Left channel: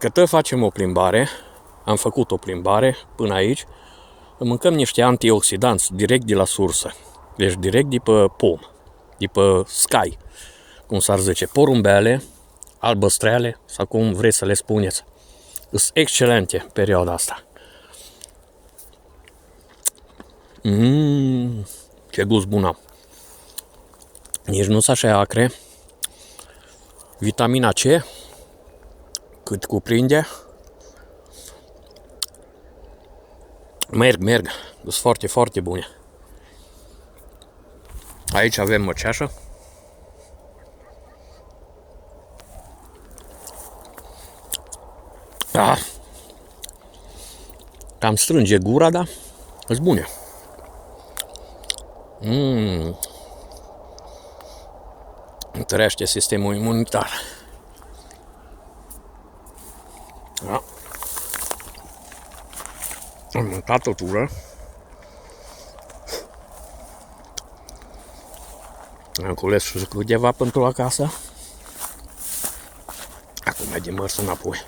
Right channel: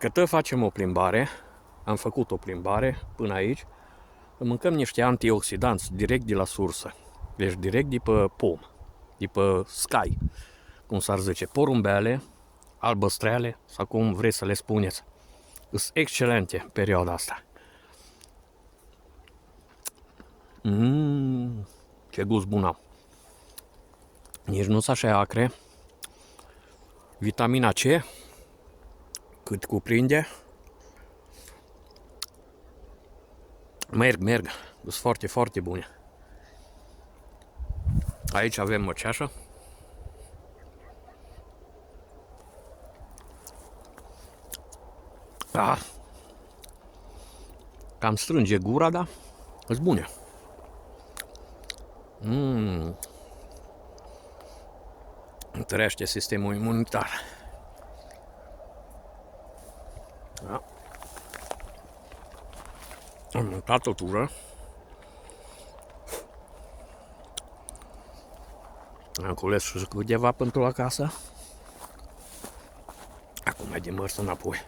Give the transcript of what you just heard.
Dacă tot facem o plimbare, am făcut o plimbare până aici, mâncăm niște antioxidanți direct de la sursă. Deci direct de pe pom, de pe sky, cum s-ar zice, porumbele, albăstreale sau cum vreți să le spuneți. Sunt excelente perioada asta. Ce gust bun am. Nici nu sunt așa acre. Vitamina C, cât cuprinde. Merg. Sunt foarte, foarte bune. Aici avem măceașă. Cam strânge gura, da? Sunt bune. Întărește sistemul imunitar. Da. Am mâncat o tură. Am cules câteva pentru acasă. Acum mergem mers înapoi.